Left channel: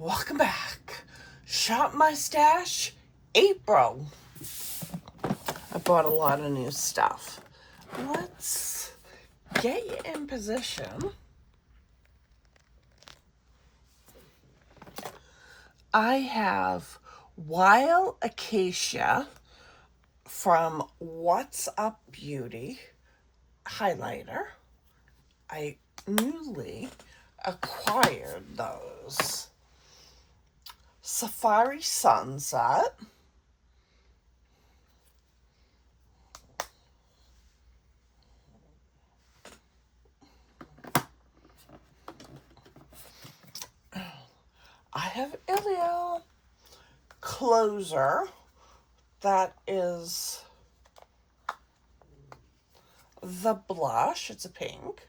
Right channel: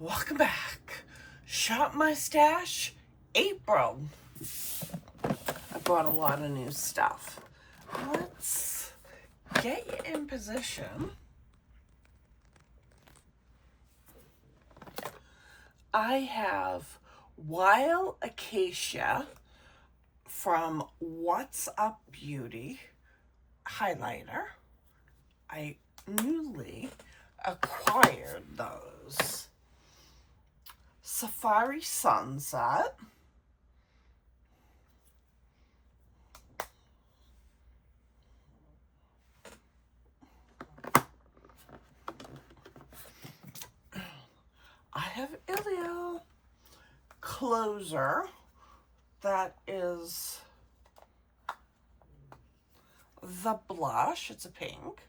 Welcome back. Shop My Stash, April. I bought a lot of new stuff. Let's get you in position. I have Wild Acacia from What's Up Beauty highlighter. I newly acquired those. Safari Sunset. I have Ilia Closer. That is the blush. It's a pink.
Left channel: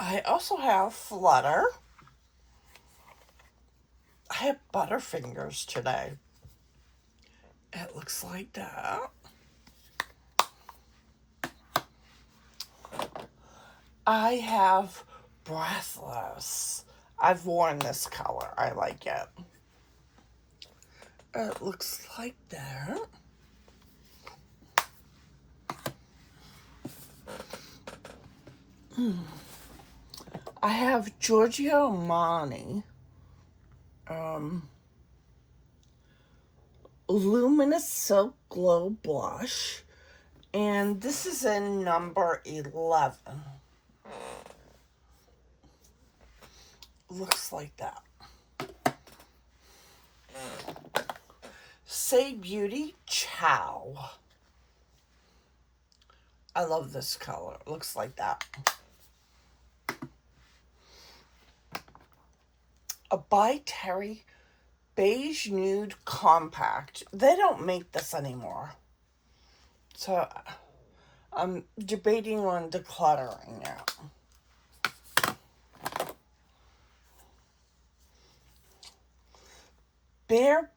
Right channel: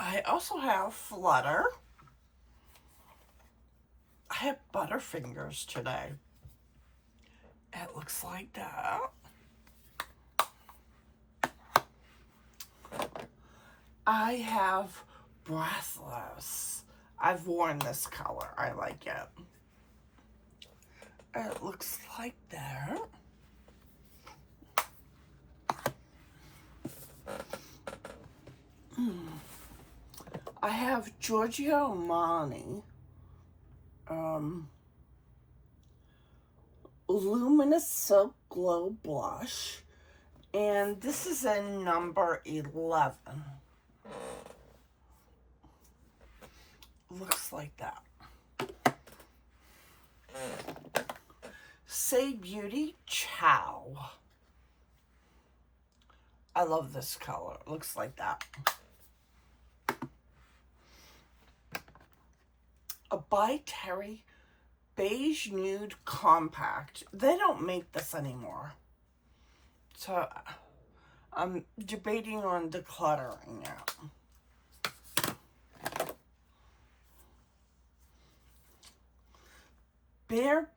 I also have Flutter. I have Butterfingers today. It looks like that. I have Breathless. I've worn this color. I like it. It looks like that. I have Giorgio Armani Luminous Silk Glow Blush, and this is in number 11. Looks like that. Saie Beauty Chow. I love this color. It looks like that. A By Terry Beige Nude Compact. They don't make this anymore. So I'm debating on decluttering it. Bare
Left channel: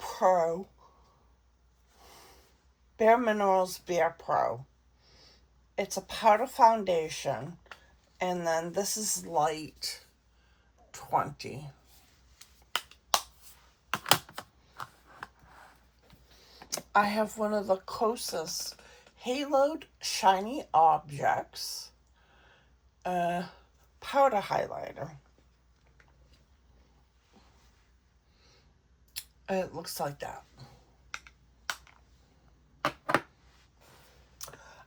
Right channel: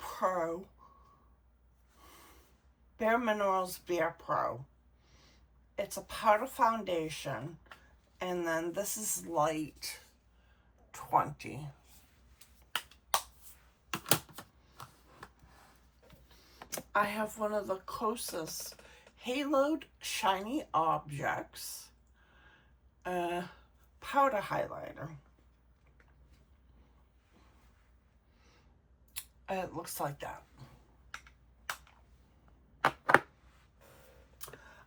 Minerals Bare Pro. It's a powder foundation, and then this is light 20. I have one of the Kosas Haloed Shiny Objects powder highlighter. It looks like that.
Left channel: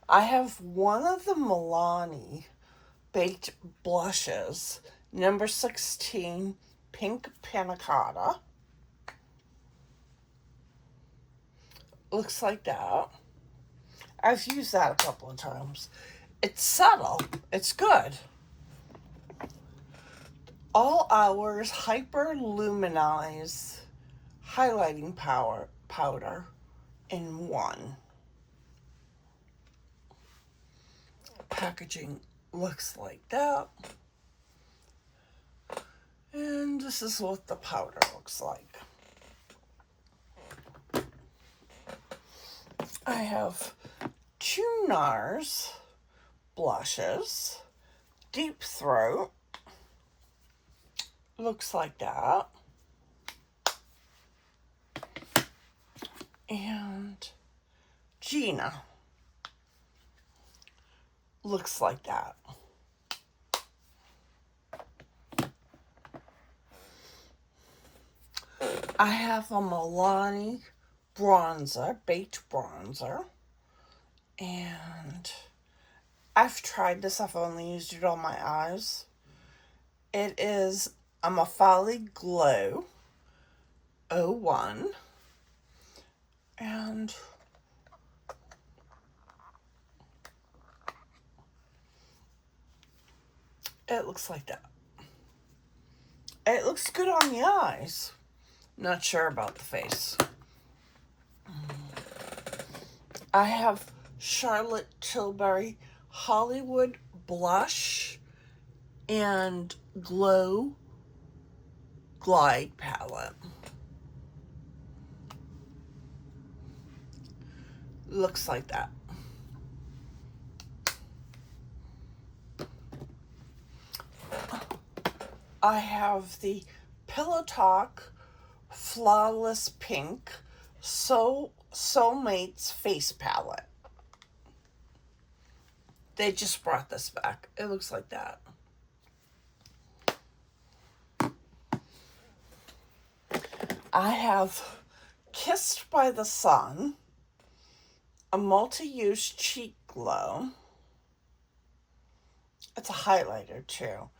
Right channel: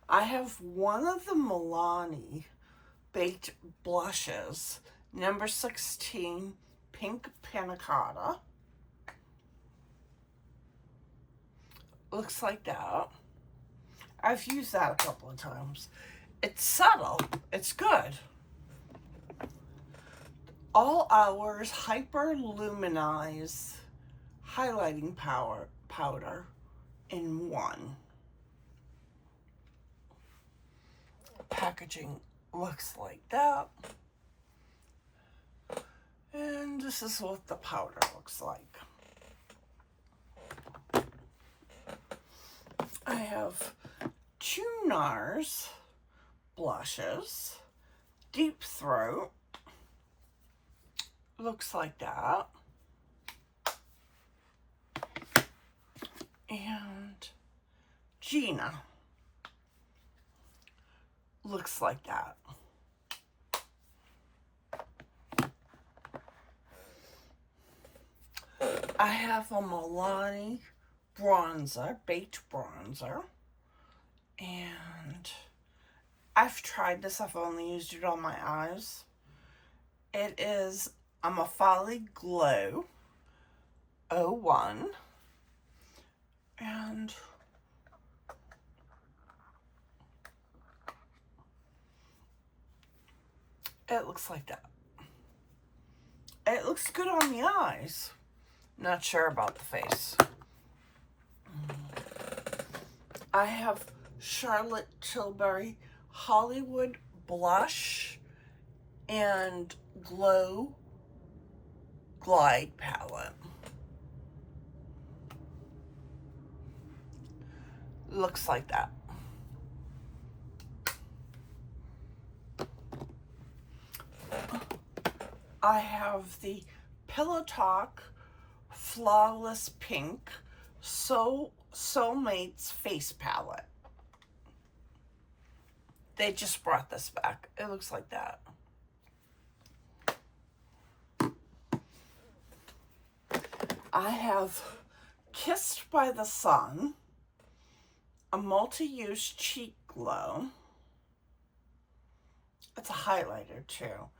I have one of the Milani Baked Blushes, number 16, Pink Panna Cotta. Looks like that. I've used that a couple of times. It's subtle. It's good. All Hours Hyper Luminize Highlighting Powder in one. Packaging looks like that. And this is what the powder looks like. I have two NARS blushes. Deep Throat. Looks like that. And Gina. Looks like that. I have a Milani bronzer, baked bronzer, and I've tried this. I've only used it on my eyes. It is a Mafali Glow 01, and it looks like that. It looks good on the eyes. Not sure about the face. I have Charlotte Tilbury Hollywood Blush and Glow Glide Palette. Looks like that. I have the Pillow Talk Flawless Pink Soulmates Face Palette. They just brought this back. It looks like that. I have Kissed by the Sun, a multi-use cheek glow. It's a highlighter too.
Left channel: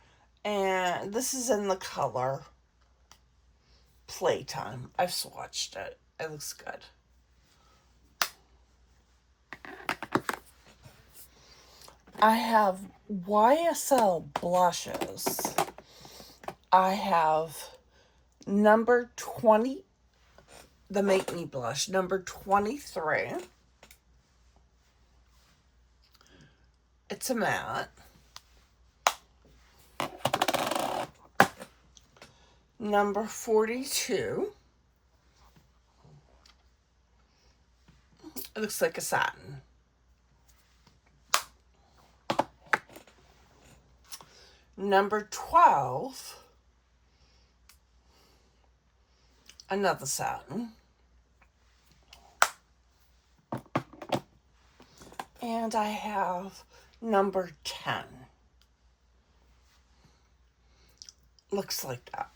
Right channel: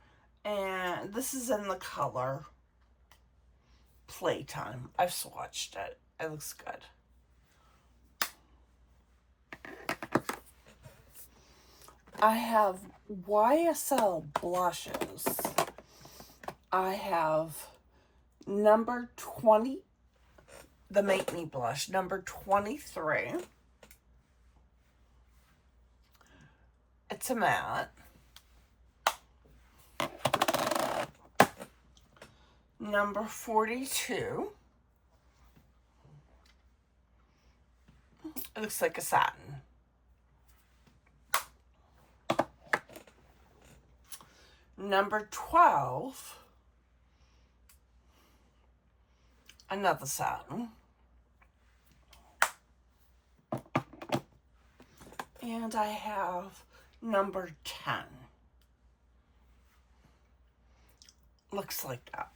And this is in the color Playtime. I've swatched it. It looks good. I have YSL blushes. I have number 20, the Make Me blush, number 23. It's a matte. Number 42. It looks like a satin. Number 12. Another satin. And I have number 10. Looks like that.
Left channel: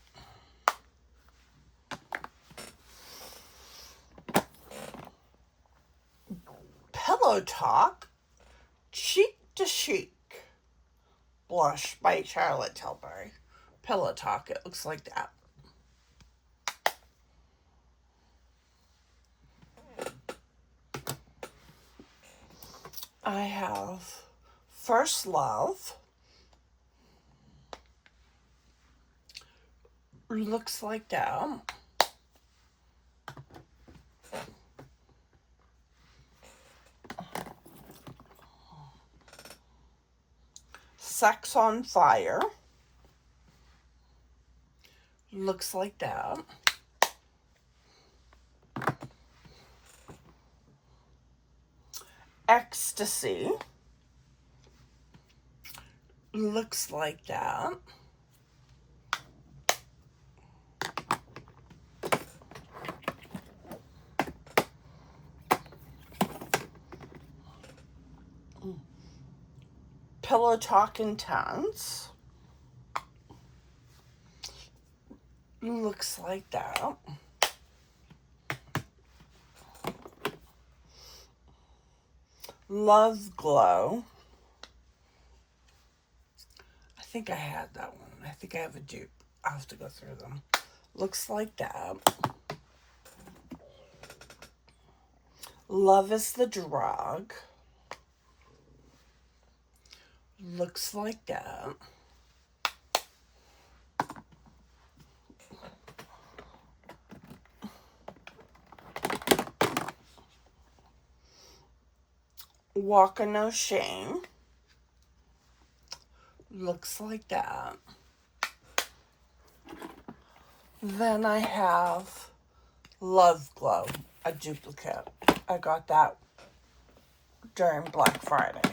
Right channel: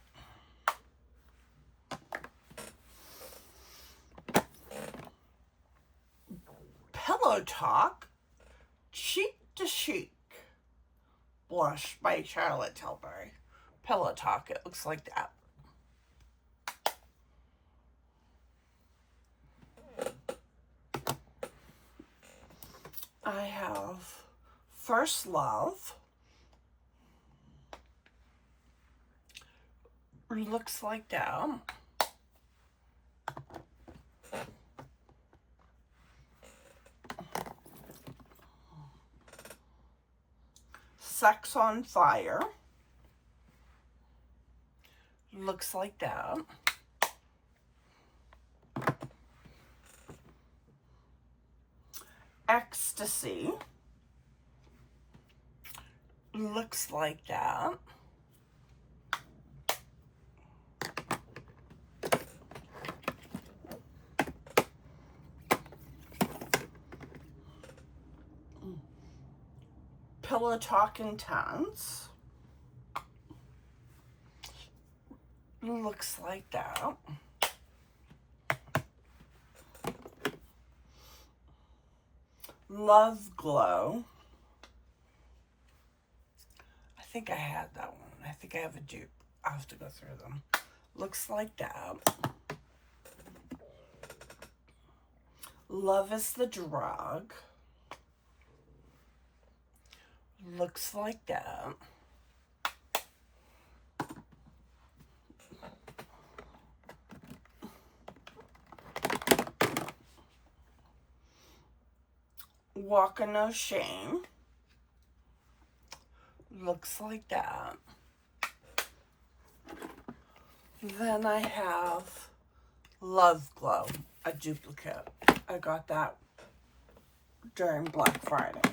Pillow Talk Cheek to Chic blush by Charlotte Tilbury. Pillow Talk, it looks like that. I have First Love. Looks like that. Sex on Fire. Looks like that. Ecstasy. Looks like that. Pillow Talk Intense. Looks like that. Love Glow. I think I had that one. I think I have a dupe. I'll have to go through them. Looks like that. Love is the Drug. Looks like that. Walk of No Shame. Looks like that. Then I have Love Glow, a duplicate. I got that during Black Friday.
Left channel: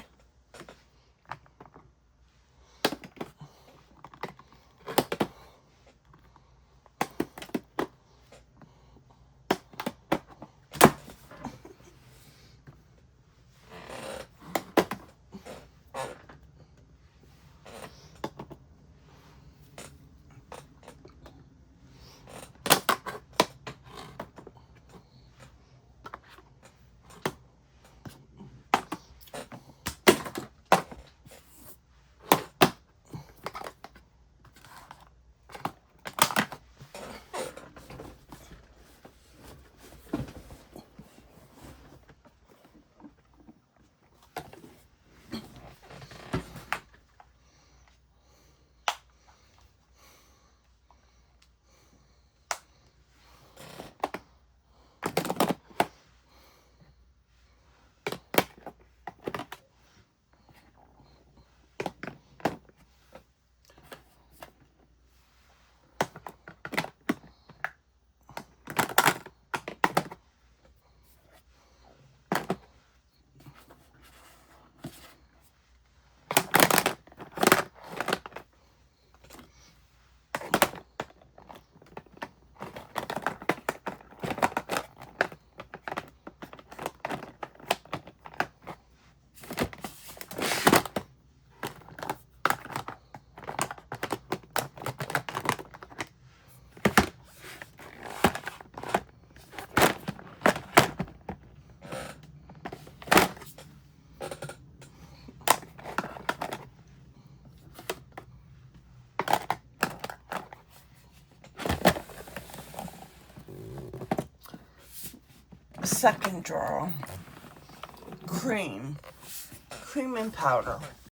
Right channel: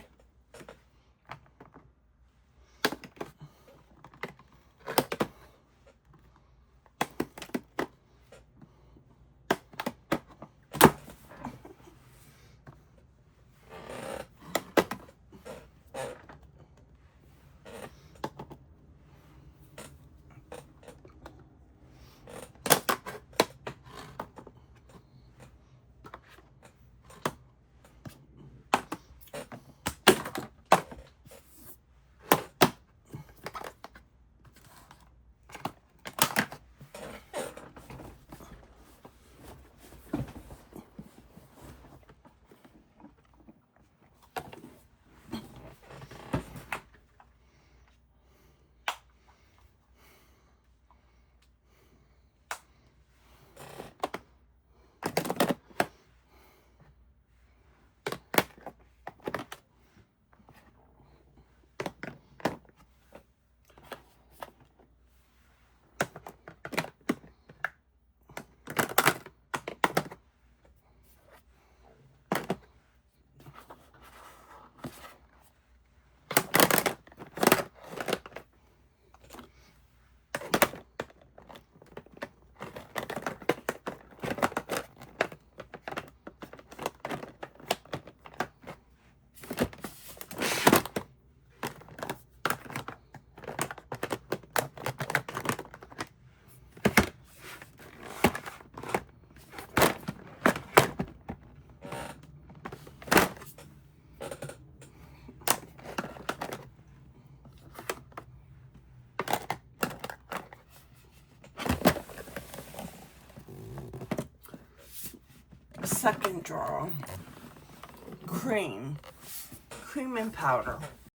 Second drawer. Cream and powder.